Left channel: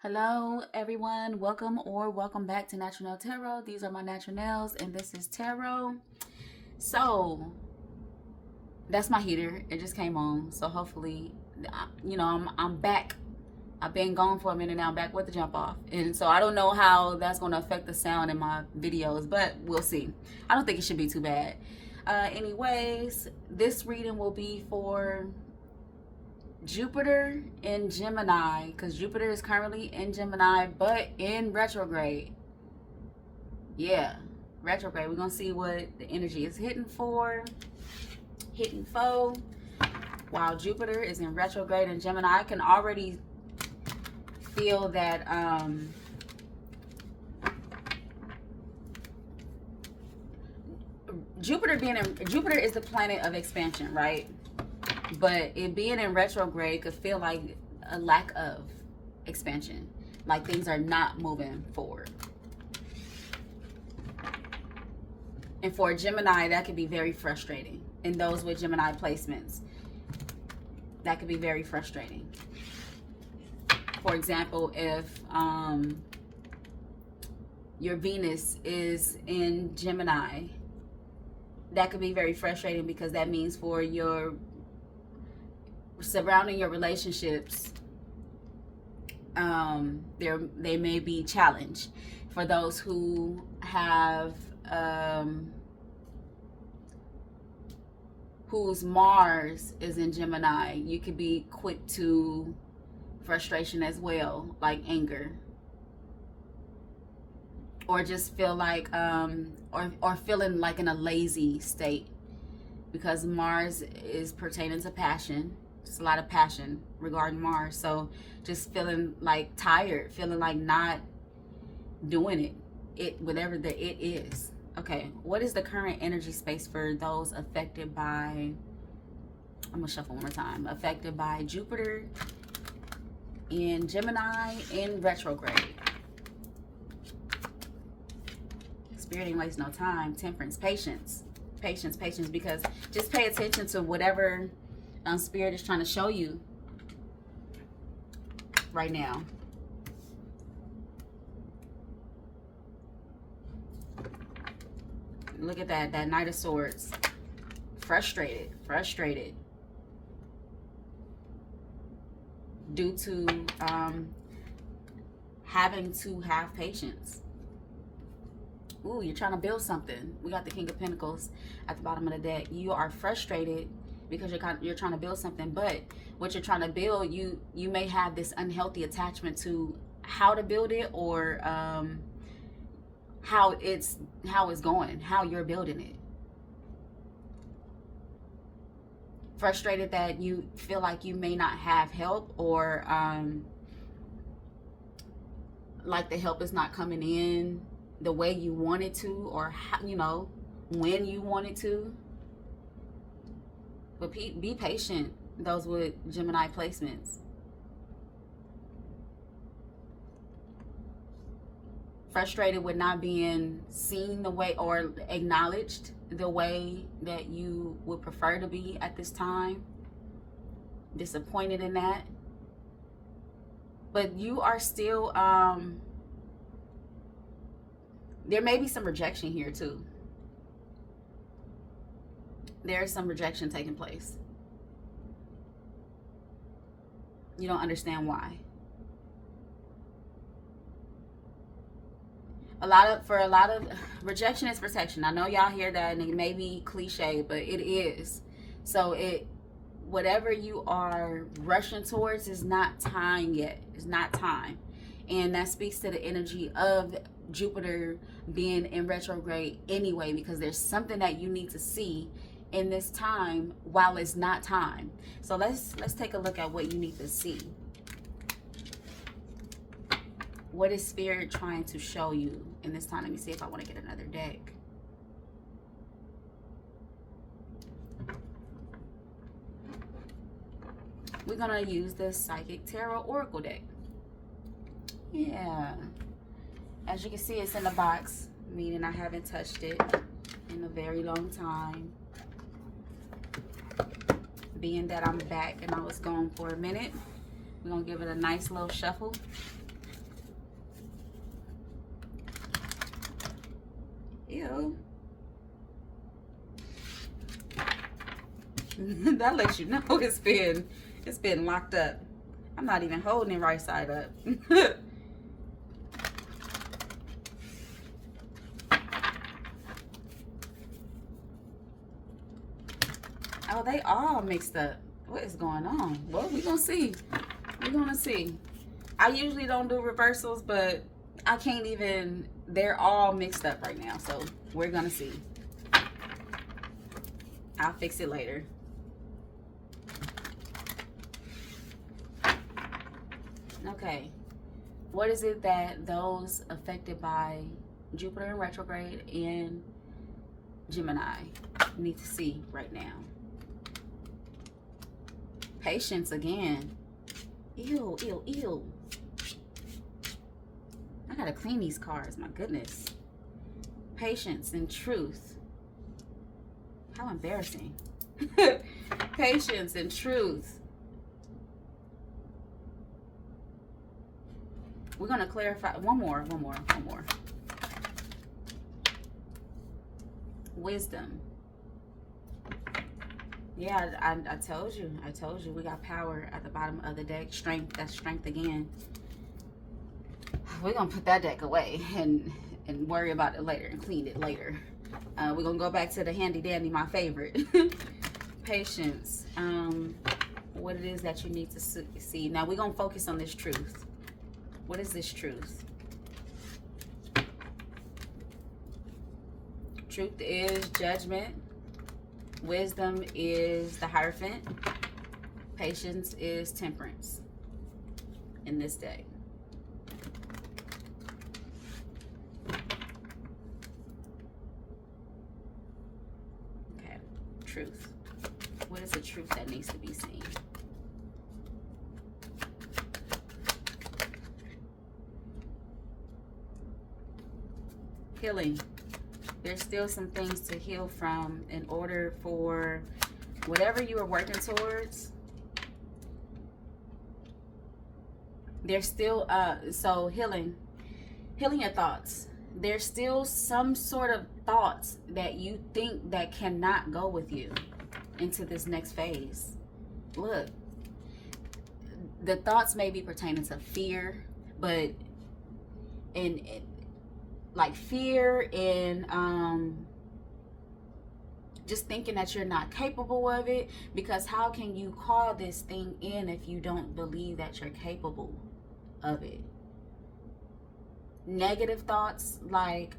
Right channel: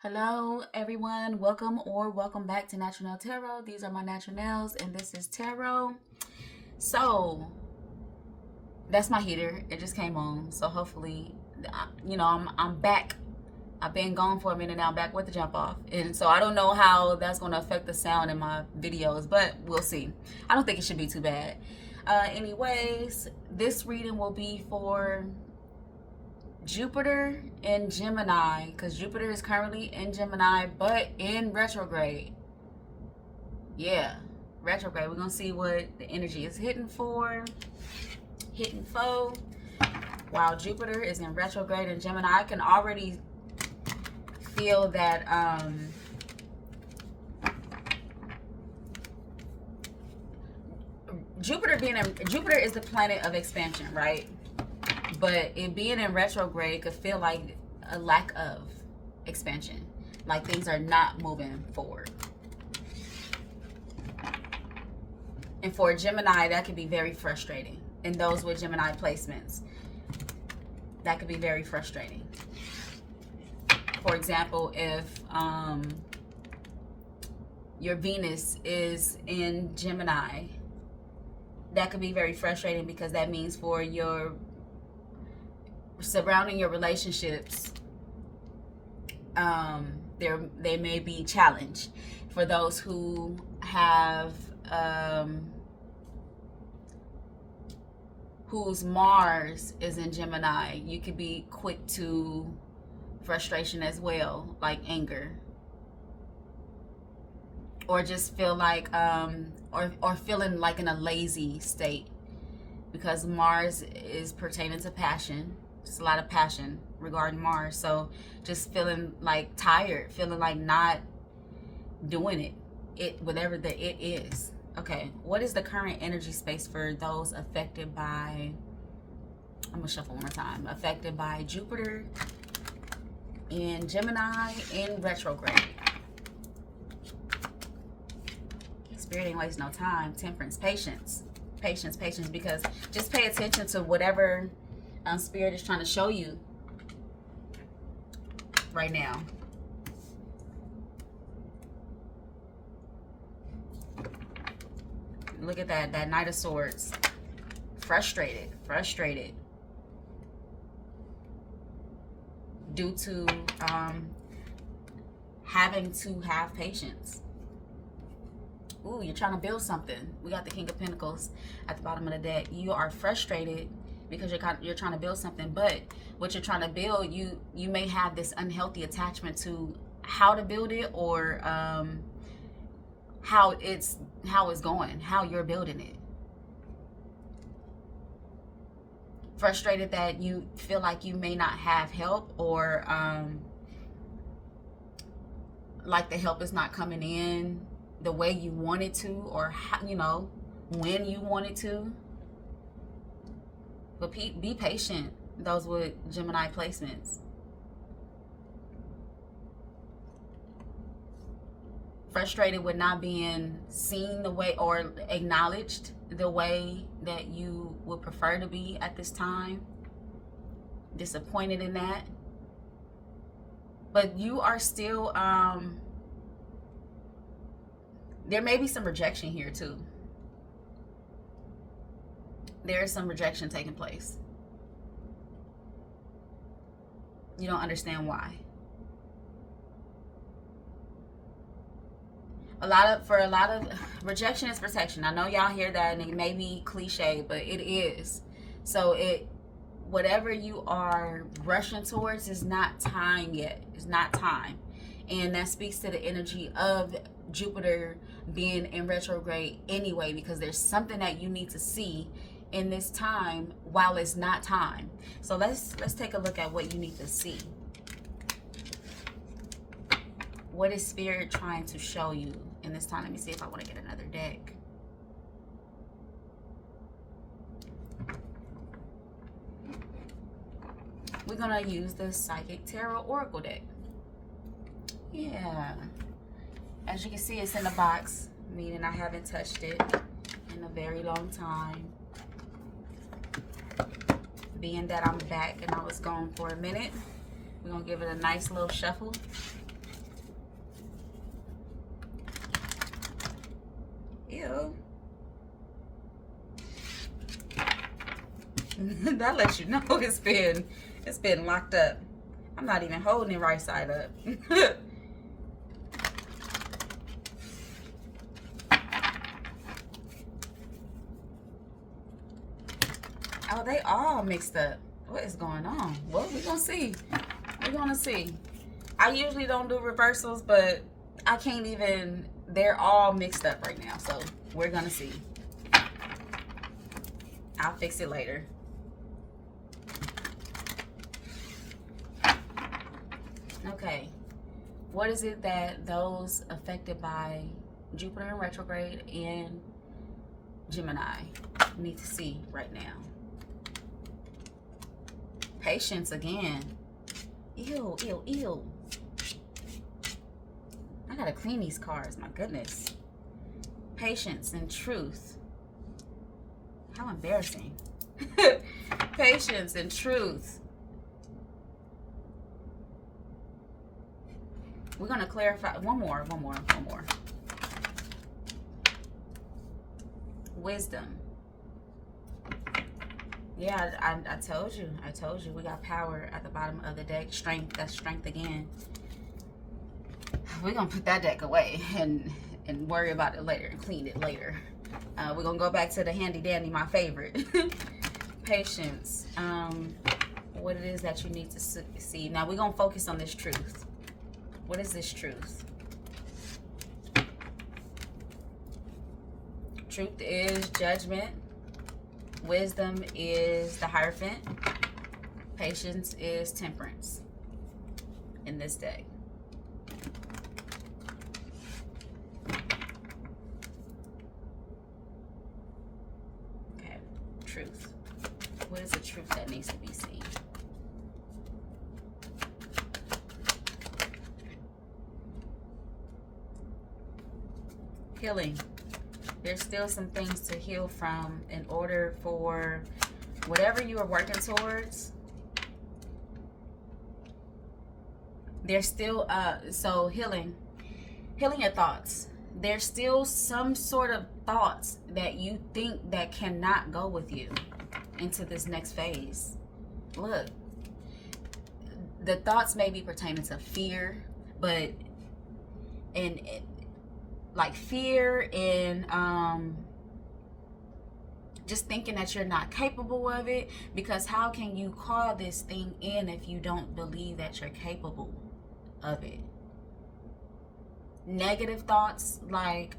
Hello, everyone. Welcome back to Natural Nail Tarot. These are my natural nails, and this is tarot. So that's my heater. It just came on. So hopefully, I'm back. I've been gone for a minute now. I'm back with the jump off, and so I don't know how that's going to affect the sound in my videos, but we'll see. I don't think it should be too bad. Anyways, this reading will be for Jupiter in Gemini, because Jupiter is currently in Gemini, but in retrograde. Yeah, retrograde. We're gonna see what the energy is hitting for, while Jupiter is in retrograde in Gemini. I can already feel that Jupiter is the planet of expansion, right? But it being in retrograde could feel like a lack of expansion, like things are not moving forward. And for Gemini, that could be very frustrating. And those with Gemini placements, that could be very frustrating. For example, if your Venus is in Gemini, that could be very frustrating, because that means for your surrounding your relationships, they may be challenged. For those who have whose Mars is in Gemini, you could be quick to frustration as well, like anger, or just feel like or feeling like in a lazy state, because Mars is pertaining to passion. Just a lot of passion regarding Mars. So just feeling like tired, feeling like not doing it whatever the it is. Okay, what is the current energy space for those affected by, I'm gonna shuffle one more time, affected by Jupiter in Gemini in retrograde? Spirit ain't waste no time. Temperance, patience, because just pay attention to whatever Spirit is trying to show you right now. Look at that Knight of Swords. Frustrated due to having to have patience. Ooh, you're trying to build something. We got the King of Pentacles at the bottom of the deck. You are frustrated because you're trying to build something, but what you're trying to build, you may have this unhealthy attachment to how to build it, or how it's going, how you're building it. Frustrated that you feel like you may not have help, or like the help is not coming in the way you want it to, or how, when you want it to. But be patient, those with Gemini placements. Frustrated with not being seen the way, or acknowledged the way that you would prefer to be at this time. Disappointed in that. But you are still, there may be some rejection here too. There's some rejection taking place. You don't understand why. For a lot of rejection is protection. I know y'all hear that and it may be cliche, but it is. So whatever you are rushing towards is not time yet. It's not time. And that speaks to the energy of Jupiter being in retrograde anyway, because there's something that you need to see in this time while it's not time. So let's take a look at what you need to see. What is Spirit trying to show you in this time? Let me see if I want to get another deck. We're gonna use the Psychic Tarot Oracle deck. Yeah, as you can see, it's in the box, meaning I haven't touched it in a very long time. Being that I'm back and I was gone for a minute, we're gonna give it a nice little shuffle. Ew. That lets you know it's been locked up. I'm not even holding it right side up. Oh, they all mixed up. What is going on? Well, we're gonna see. We're gonna see. I usually don't do reversals, but I can't even. They're all mixed up right now, so we're gonna see. I'll fix it later. Okay. What is it that those affected by Jupiter in retrograde and Gemini need to see right now? Patience again. Ew, ew, ew. I gotta clean these cards, my goodness. Patience and truth. How embarrassing. Patience and truth. We're gonna clarify one more. Wisdom. Yeah, I told you. We got power at the bottom of the deck. Strength. That's strength again. We're going to put that deck away and worry about it later and clean it later. We're going to go back to the handy dandy, my favorite. Patience. What it is that you need to see. Now, we're going to focus on this truth. What is this truth? Truth is judgment. Wisdom is the Hierophant. Patience is temperance in this deck. Okay, truth. What is the truth that needs to be seen? Healing. There's still some things to heal from in order for whatever you are working towards. There's still so healing your thoughts. There's still some sort of thoughts that you think that cannot go with you into this next phase. Look, the thoughts may be pertaining to fear, but like fear and just thinking that you're not capable of it, because how can you call this thing in if you don't believe that you're capable of it? Negative thoughts like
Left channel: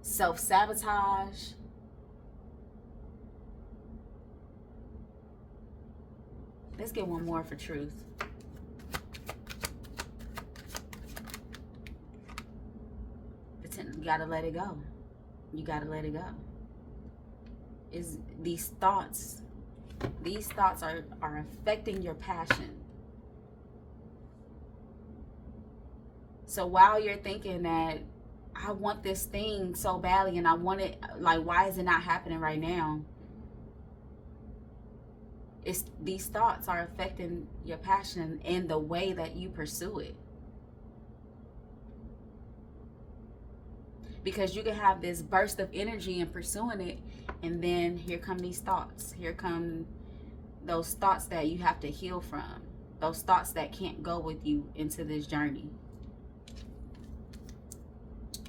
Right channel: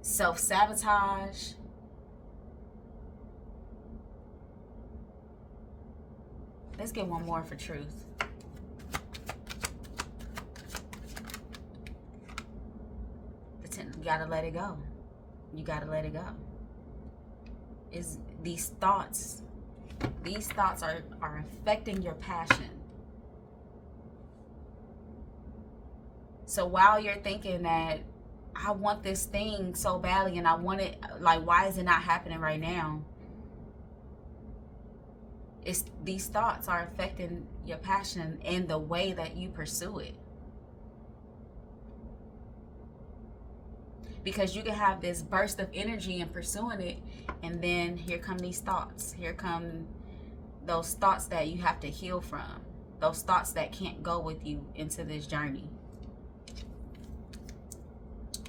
self-sabotage. Let's get one more for truth. You gotta let it go. You gotta let it go. Is these thoughts are affecting your passion. So while you're thinking that I want this thing so badly and I want it, like, why is it not happening right now? These thoughts are affecting your passion and the way that you pursue it. Because you can have this burst of energy in pursuing it, and then here come these thoughts. Here come those thoughts that you have to heal from. Those thoughts that can't go with you into this journey.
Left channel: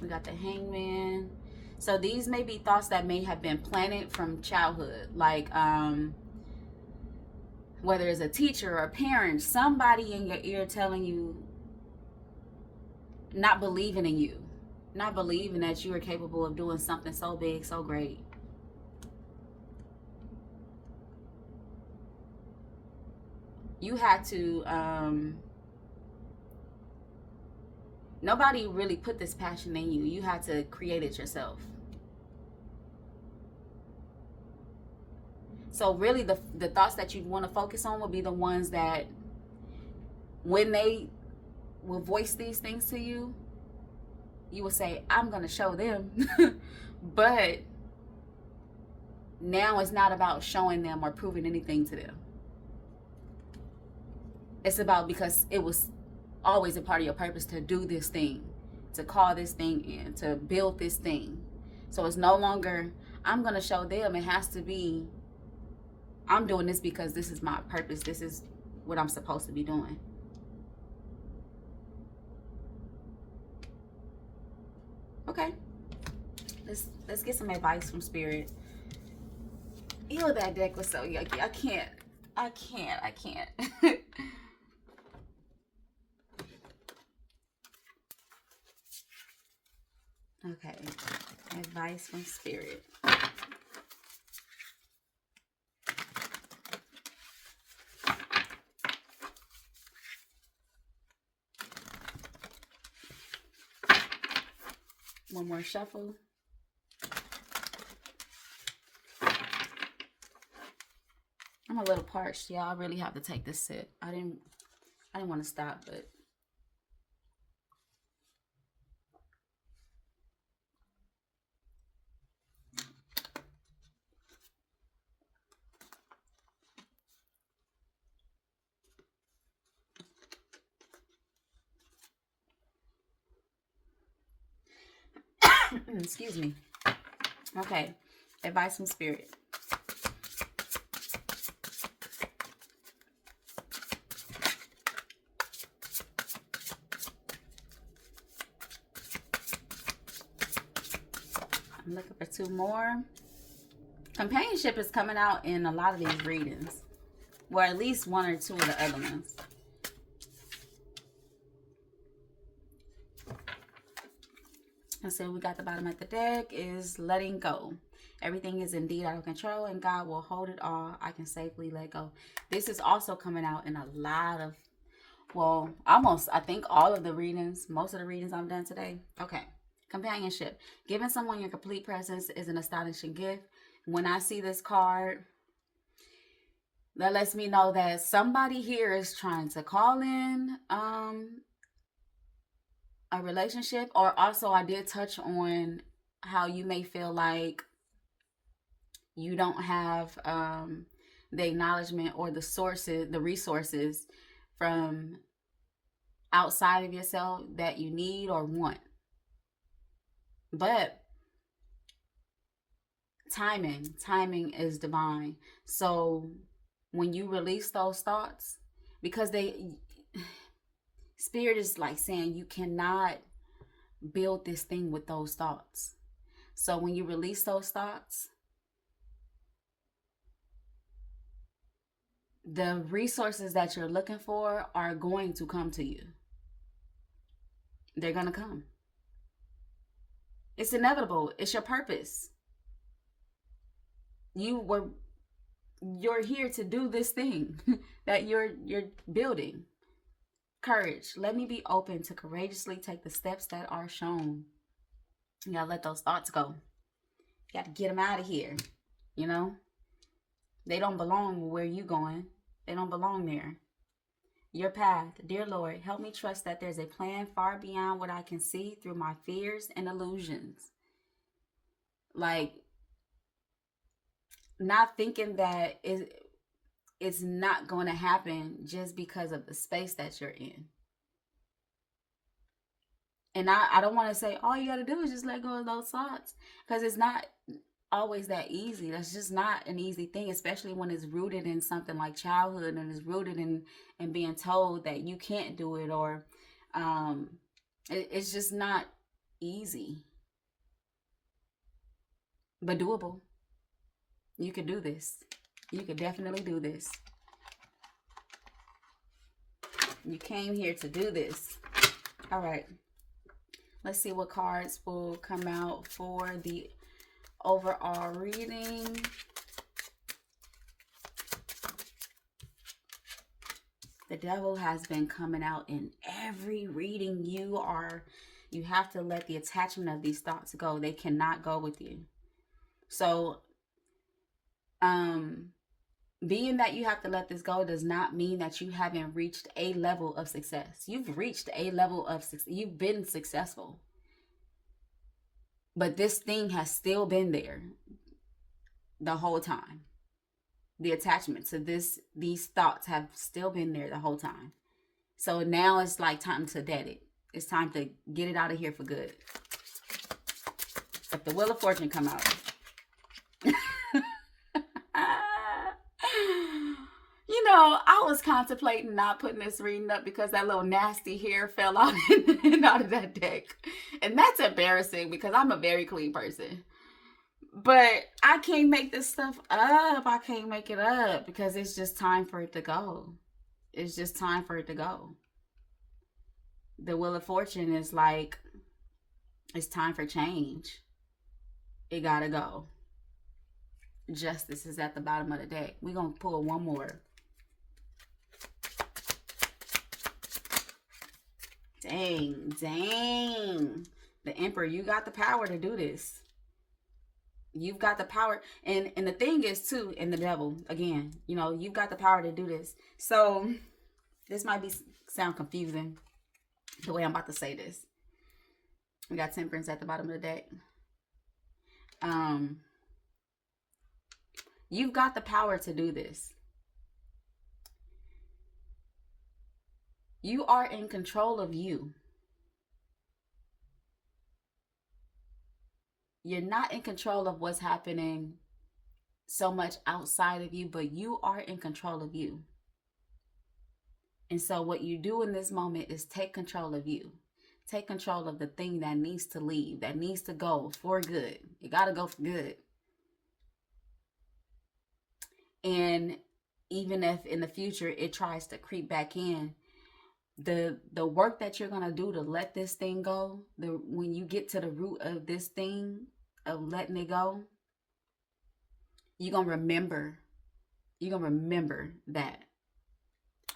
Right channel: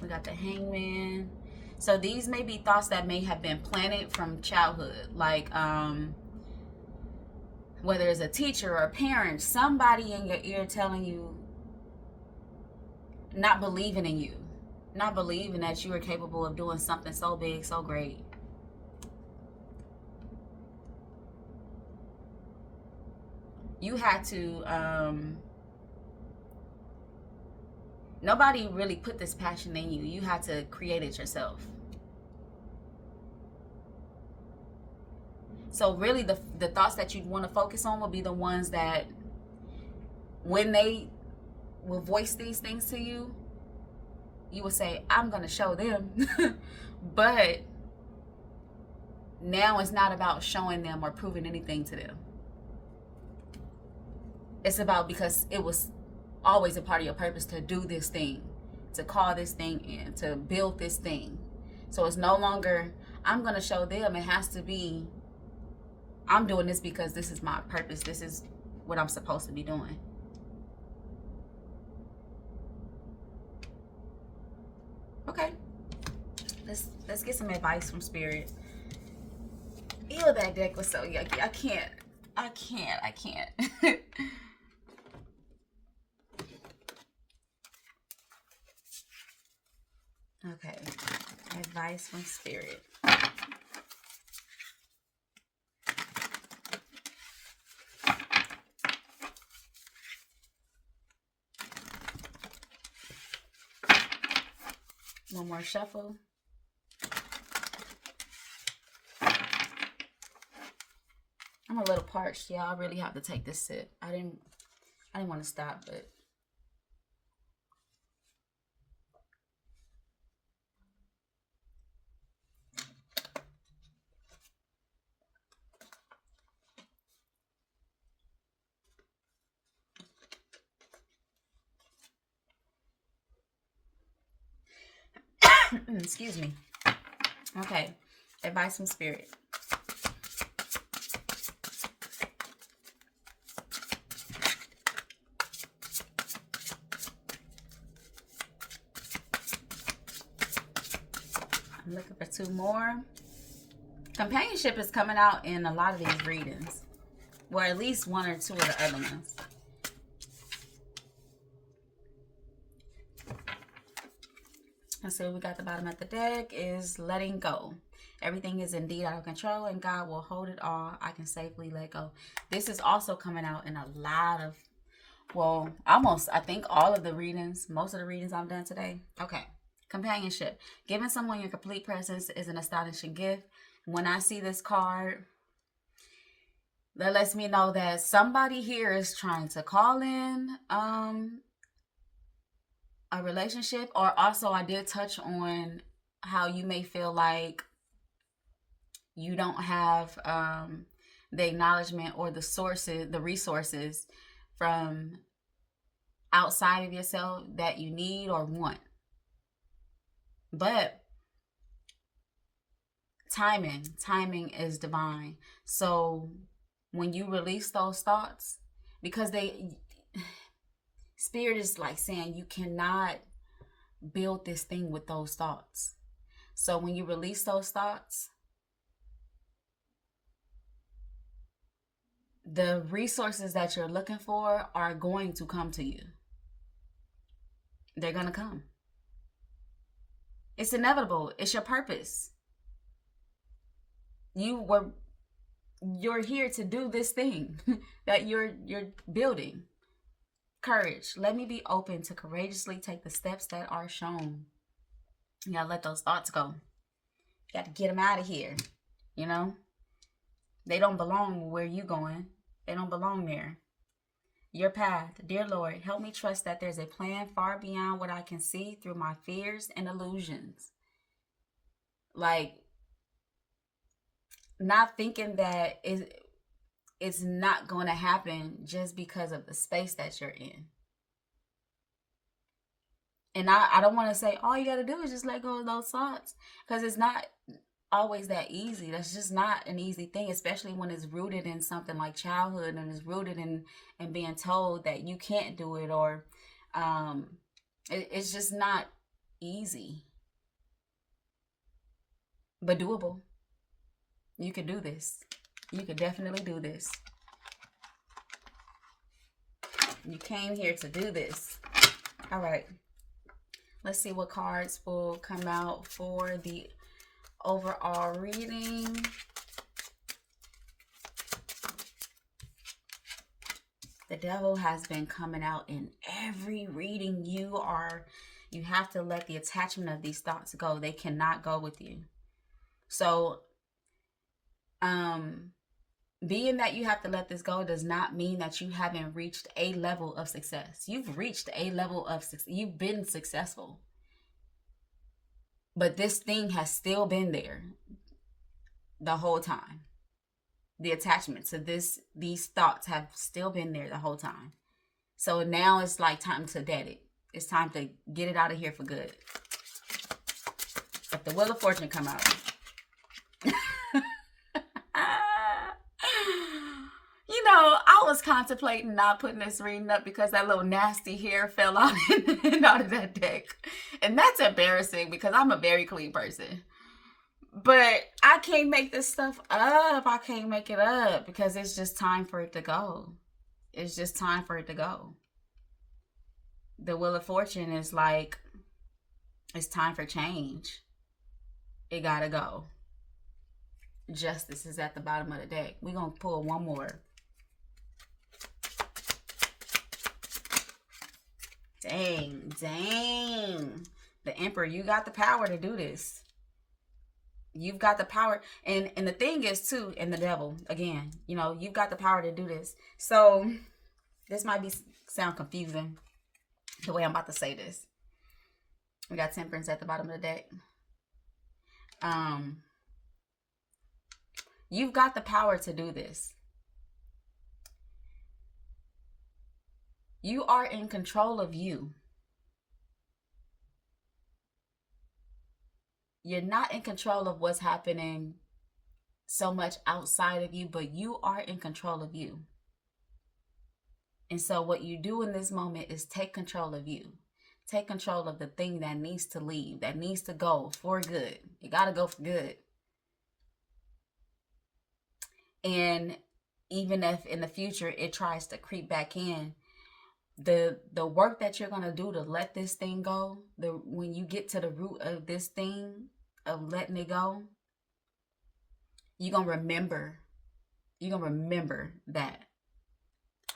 We got the Hangman. So these may be thoughts that may have been planted from childhood. Like, whether it's a teacher or a parent, somebody in your ear telling you, not believing in you. Not believing that you are capable of doing something so big, so great. You had to, nobody really put this passion in you. You had to create it yourself. So really the thoughts that you'd want to focus on will be the ones that when they will voice these things to you, you will say, I'm going to show them. But now it's not about showing them or proving anything to them. It's about, because it was always a part of your purpose to do this thing, to call this thing in, to build this thing. So it's no longer, I'm going to show them. It has to be, I'm doing this because this is my purpose. This is what I'm supposed to be doing. Okay. Let's get some advice from Spirit. Ew, that deck was so yucky. I can't. Okay. Advice from Spirit. One more shuffle. I'm a little parched, yeah. I really have to take this sip. I didn't want to stop, but excuse me. Okay. Advice from Spirit. I'm looking for two more. Companionship is coming out in a lot of these readings. Well, at least one or two of the other ones. And so we got the bottom of the deck is letting go. Everything is indeed out of control and God will hold it all. I can safely let go. This is also coming out in a lot of, well, almost, I think all of the readings, most of the readings I've done today. Okay. Companionship. Giving someone your complete presence is an astonishing gift. When I see this card, that lets me know that somebody here is trying to call in a relationship. Or also I did touch on how you may feel like you don't have the acknowledgement or the sources, the resources from outside of yourself that you need or want. But timing is divine. So when you release those thoughts, because Spirit is like saying you cannot build this thing with those thoughts. So when you release those thoughts, the resources that you're looking for are going to come to you. They're going to come. It's inevitable. It's your purpose. You're here to do this thing that you're building. Courage. Let me be open to courageously take the steps that are shown. You gotta let those thoughts go. You gotta get them out of here. You know? They don't belong where you're going. They don't belong there. Your path. Dear Lord, help me trust that there's a plan far beyond what I can see through my fears and illusions. Like, not thinking that it's not going to happen just because of the space that you're in. And I don't want to say all you got to do is just let go of those thoughts, because it's not always that easy. That's just not an easy thing, especially when it's rooted in something like childhood and it's rooted in being told that you can't do it, or it's just not easy, but doable. You could do this. You could definitely do this. You came here to do this. All right. Let's see what cards will come out for the overall reading. The devil has been coming out in every reading. You have to let the attachment of these thoughts go. They cannot go with you. So, being that you have to let this go does not mean that you haven't reached a level of success. You've reached a level of success. You've been successful. But this thing has still been there the whole time. The attachment to these thoughts have still been there the whole time. So now it's like time to dead it. It's time to get it out of here for good. If the Wheel of Fortune come out. You know, I was contemplating not putting this reading up because that little nasty hair fell out, out of that deck. And that's embarrassing because I'm a very clean person. But I can't make this stuff up. I can't make it up because it's just time for it to go. It's just time for it to go. The Wheel of Fortune is like, it's time for change. It gotta go. Justice is at the bottom of the deck. We're gonna pull one more. Dang. The Emperor, you got the power to do this. You've got the power. And the thing is too, and the Devil, again, you know, you've got the power to do this. So this might sound confusing the way I'm about to say this. We got Temperance at the bottom of the deck. You've got the power to do this. You are in control of you. You're not in control of what's happening so much outside of you, but you are in control of you. And so what you do in this moment is take control of you. Take control of the thing that needs to leave, that needs to go for good. You got to go for good. And even if in the future it tries to creep back in, the work that you're going to do to let this thing go, when you get to the root of this thing, of letting it go, you're going to remember. You're going to remember that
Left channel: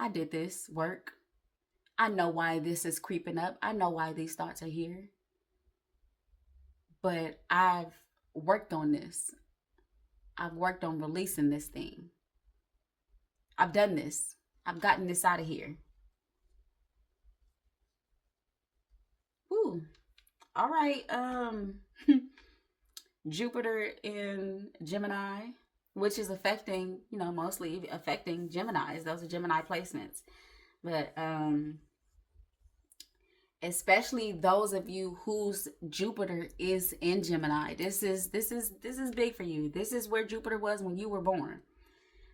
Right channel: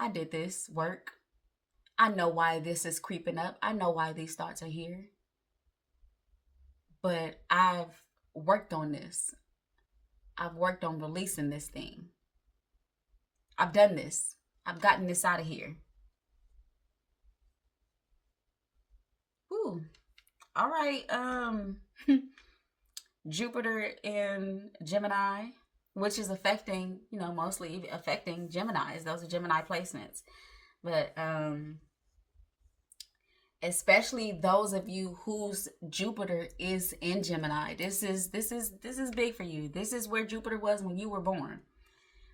I did this work. I know why this is creeping up. I know why these thoughts are here. But I've worked on this. I've worked on releasing this thing. I've done this. I've gotten this out of here. Ooh. All right. Jupiter in Gemini, which is affecting, you know, mostly affecting Geminis. Those are Gemini placements. But especially those of you whose Jupiter is in Gemini. This is big for you. This is where Jupiter was when you were born.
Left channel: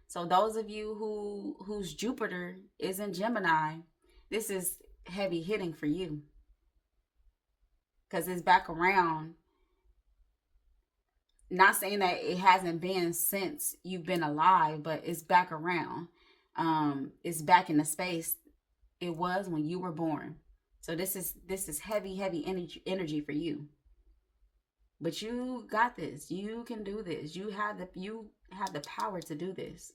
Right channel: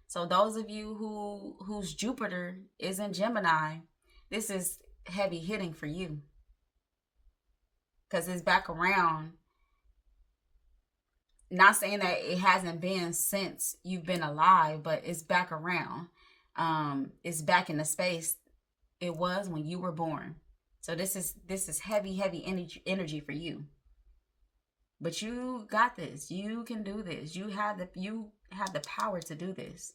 So those of you whose Jupiter is in Gemini, this is heavy hitting for you. Because it's back around. Not saying that it hasn't been since you've been alive, but it's back around. It's back in the space it was when you were born. So this is heavy energy for you. But you got this. You can do this. You have the power to do this.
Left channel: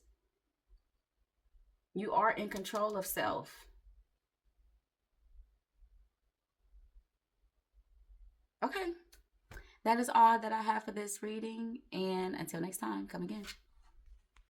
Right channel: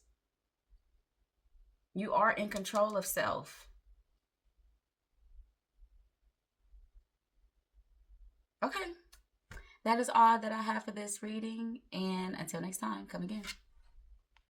You are in control of self. Okay. That is all that I have for this reading. And until next time, come again.